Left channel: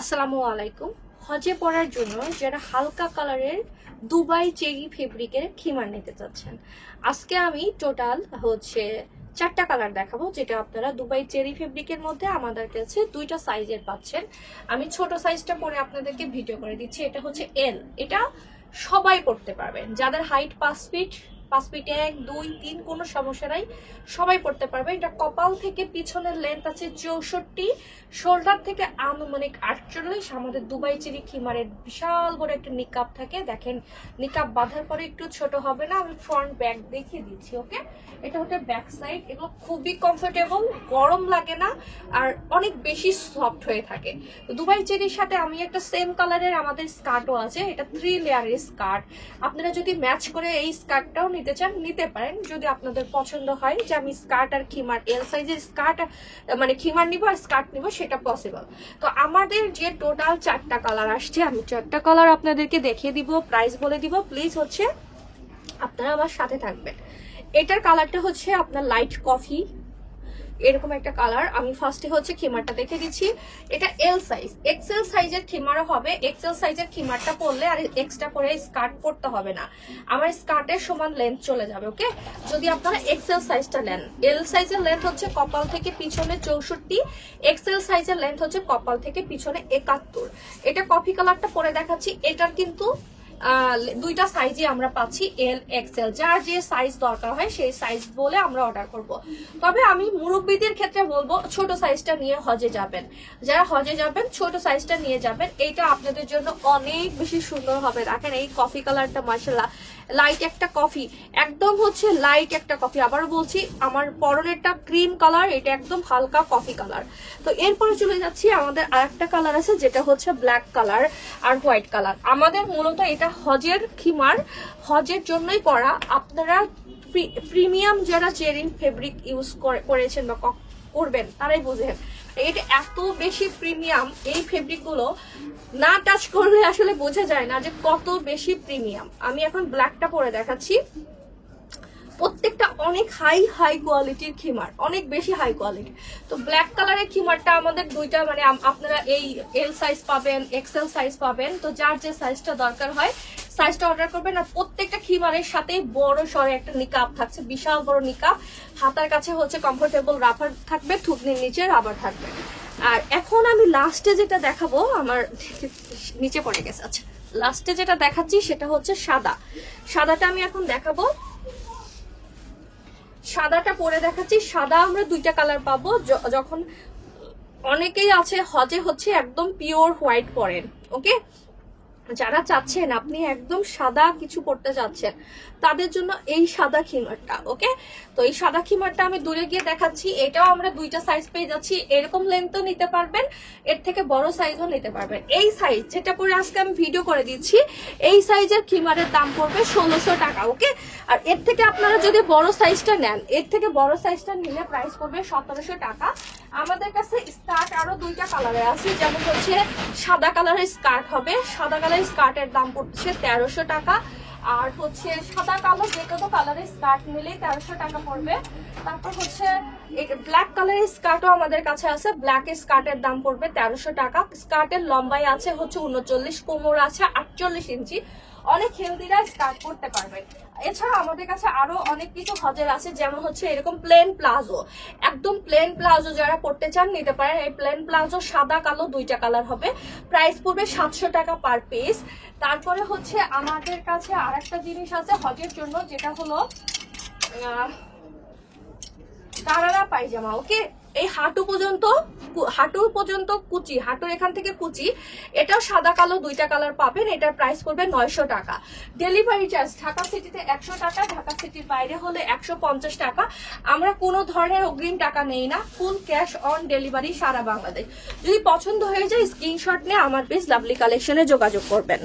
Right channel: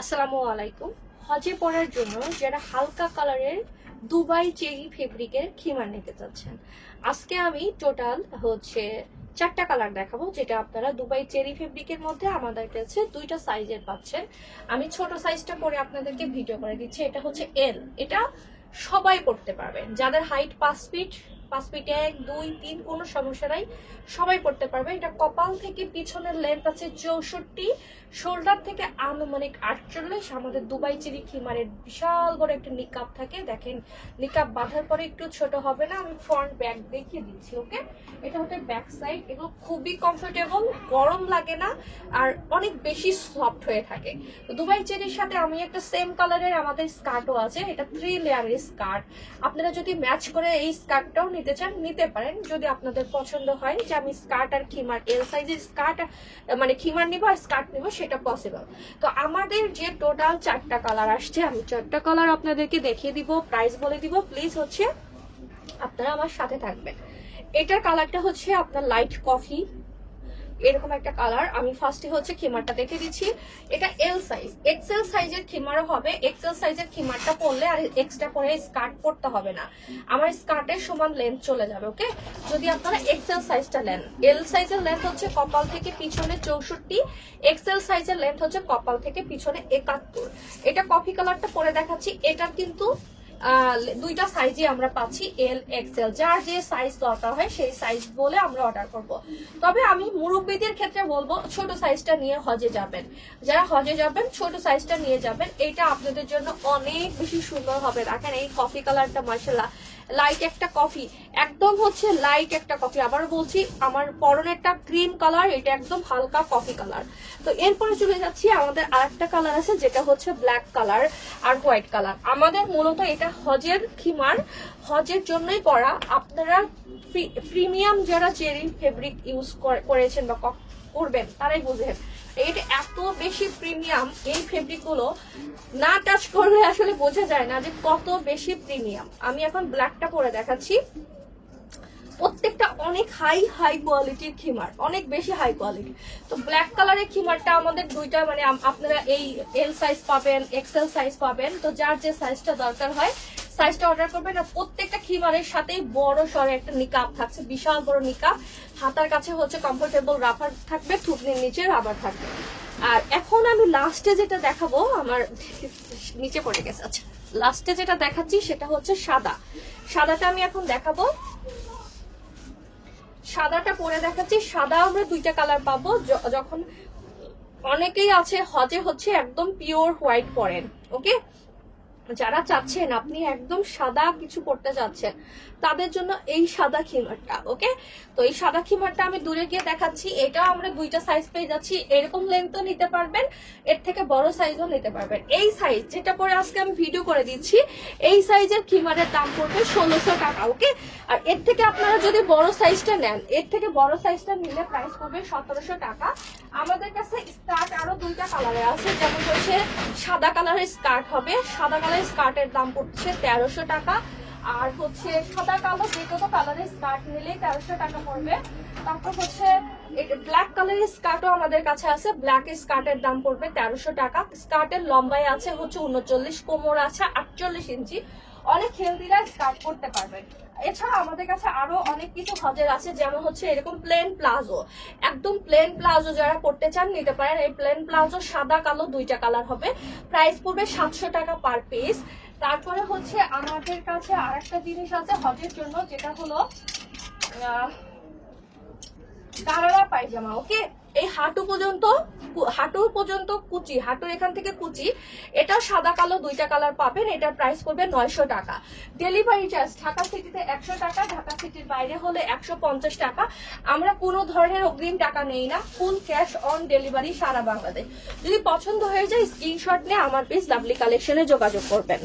আসসালামু আলাইকুম। হজে পরার জন্য যারা হালকা কালারের দুবাই চেরি ফেব্রিকের খিমার নিতে চাচ্ছেন, আজকে আমি টোটাল 4টা কালার দেখাবো, যেটা আপনারা দুবাই চেরি ফেব্রিকের মধ্যে আমাদের কাছে 2টা সাইজের পাচ্ছেন। আমি ছোট সাইজটা পরে আপনাদেরকে ভিডিও করে দিচ্ছি। এটা হচ্ছে এল, এটা সবাই পড়তে পারবেন, যাদের হাইট 5 ফিট 1, 2, 3 কোনো সমস্যা নাই, সবাই পড়তে পারবে। এটা কপাল থেকে পিছনের লেন্থ আছে 64, শোল্ডার থেকে আনুমানিক 48। আমাদের দুবাই চেরি খিমারের বিশাল বড় একটা নিকাব থাকে, দেখেন নিকাব বাঁধার পরে একটু ছোট হবে না। আমি ফ্রন্ট ব্যাক দেখিয়ে দিচ্ছি। ওকে, এটা হচ্ছে ব্যাক সাইড। এগুলো খুবই কমফোর্টেবল, গরম লাগে না, আর অনেক বেশি সফট হয়ে থাকে। দুবাই চেরির সাথে আমি একটা সেম কালারের আমাদের স্কার্টও আছে, এটা 3 লেয়ারের স্কার্ট। আপনারা যদি ম্যাচ করে এই স্কার্টটাও নিতে চান নিতে পারেন, যদি আপনাদের পছন্দ হয় যে আমি স্কার্ট আর খিমার এল সাইজের স্কার্ট মানে খিমার নিব আর স্কার্ট নিব, সেটা পসিবল। তো আমাদের যে টোটাল 4টা কালার আসছে, আমি 4টা কালার আপনাদেরকে দেখিয়ে দিব, প্রাইস বলে দিব। প্লিজ আপনারা আমার সাথে থাকবেন। এটার কালারটা হচ্ছে আপনার লাইট কফি, এরকম একটা কালার। আমি ফার্স্টে খিমারটা দেখে দিচ্ছি। এটা এল সাইজ, এক্সেল সাইজের খিমারও হবে। এক্সেল সাইজের খিমারটা পরলে আর এক্সট্রা করে স্কার্ট পরতে হবে না, আমার স্কার্টের সমান লেন্থ চলে যাবে। ওকে, যদি আপনারা এক্সেল সাইজটা নেন, এল সাইজের লেন্থ হচ্ছে কপাল থেকে পিছনে 64, এক্সেল সাইজের লেন্থ হচ্ছে কপাল থেকে পিছনে 71। এটা কফি কালারটা পরে দেখাচ্ছি। এটার কিন্তু 2টা সাইজে আমরা পাচ্ছি, এল এক্সেল। যার যে সাইজ দরকার হয় সেই সাইজ বলে আমরা অর্ডার করব। তবে আমি মুরব্বীদের ক্ষেত্রে বলবো ছোট সাইজটা নিয়ে হজে যাবেন, যারা হজে যাবেন ছোট সাইজটা নিয়ে যাবেন, এটা আপনাদের জন্য অনেক বেশি সুন্দর হবে। দেখেন এই কফি কালারটা মাশাআল্লাহ লাইট একটা কফি, একদম লাইট একটা কফি। আবার বলছি, আমার পরনে একটা ক্রিম কালার, এটা একদম হালকা কফি কালার। তো এরপরে চলে যাচ্ছি, আমাদের আরেকটা কালার আছে যেটা হচ্ছে ব্ল্যাক কালার আর হোয়াইট কালার। আমাদের মূলত এটা হজের খিমার, হজের জন্যই করা। আপনারা প্রিমিয়াম যারা চেরি ফেব্রিক ইউজ করেছেন বা করবেন তারাই বুঝেন এটা এত বেশি প্রিমিয়াম। এই ফেব্রিক গুলো না টাচ করলে আসলে বোঝা যায় না যে কত বেশি প্রিমিয়াম। আমি এখন ব্ল্যাকটা পরে দেখাচ্ছি। প্রত্যেকটা অনেক হাই কোয়ালিটির খিমার, অনেক বেশি হাই কোয়ালিটি। তো ব্ল্যাক কালারের খিমারটা আমাদের 2টা, মানে আপনারা এই এল সাইজ পাবেন, এক্সেল সাইজ পাবেন। তো যার যে সাইজটা দরকার হয় সাইজটা অর্ডার করবেন। আর প্রত্যেকটা খিমারের সাথে বড় সরে একটা নিকাব থাকছে, বিশাল বড় নিকাব। হাতার কাছে কমফোর্টেবল রাবার থাকবে, থুতনির নিচে রাবার থাকবে। আর এখন আমি লাস্টে যেটা দেখাবো, আমার নিচে পড়ে গেছে, আচ্ছা লাস্টে যেটা দেখাচ্ছি সেটা হচ্ছে সাদা। সাদাটা আমি এখন দেখাবো, সাদাটা পরে দেখাচ্ছি। সাদা আমরা 2টা কালার পাবো। যখন অনেকেই আছে হজে একদম পিওর হোয়াইট পরেন, ওকে, যারা চাচ্ছেন আপনি একদম সাদা কিছু পড়তে চাচ্ছেন তাদের জন্য এই সাদা খিমারটা। ওকে, তো এই সাদা খিমারটা আমি দূরে গিয়ে দেখাচ্ছি। এটাও আমরা 2টা সাইজ পেয়ে যাচ্ছি, এরকম লেন্থও নিতে পারবেন, এর থেকে বড় সাইজও নিতে পারবেন। এই সাইজ যেটা পরে আজকে আমি ভিডিও করে দিচ্ছি, এই সাইজের খিমারের দাম পড়বে 1600 টাকা। ওকে, আর এর থেকে আপনারা যদি বড় সাইজটা নেন, এর থেকে বড় সাইজটা নিলে প্রাইস পড়বে 1700 টাকা। আমাদের কাছে স্কার্ট আরো 2টা কালারে আছে, যেমন সাদা কালারের স্কার্ট হবে। সাদা কালারের স্কার্টের দাম পড়ছে 1300 টাকা। আর সাদা কালো যে কোনো কালারের স্কার্ট নিলে 1300 টাকা পড়বে। তারপর ব্ল্যাক কালারের স্কার্টও আমাদের কাছে আছে, ব্ল্যাক স্কার্টের দাম পড়বে 1300 টাকা। স্কার্টের লম্বায় আছে 39, কোমর আছে 48 ইঞ্চি। অনেক হেলদিরা স্কার্ট করতে পারবেন। এছাড়া আমাদের কাছে আরো অনেক কিছু হজের আছে, যেমন এরকম প্লেন প্লাজো, একদম প্লেন প্লাজো যারা পড়তে চান নিতে পারেন। এই প্লেন প্লাজো সাদা কালো 2টা কালার হবে, প্রাইস পড়বে 700 টাকা পার পিস। তারপরে আমাদের কাছে আর একটা জিনিস আছে হজের জন্য, যেটা হলো গারারা পায়জামা। ওকে, এই হাঁটুর পর্যন্ত কুচি, হাঁটুর এখান থেকে কুচি, এটাও সাদা কালো 2টা কালার পাবেন। এটার প্রাইস পড়বে 900 টাকা। ডেলিভারি চার্জ ঢাকা সিটিতে 100 টাকা, ঢাকা সিটির বাইরে হলে 150 টাকা। আমরা কোনো ধরনের অগ্রিম টাকা নেই না, ফুল ক্যাশ অন ডেলিভারি সারা বাংলাদেশ। যদি পছন্দ হয়ে যায় স্ক্রিনশট নিয়ে আমার পেজ লাভলি কালেকশনে যোগাযোগ করবেন।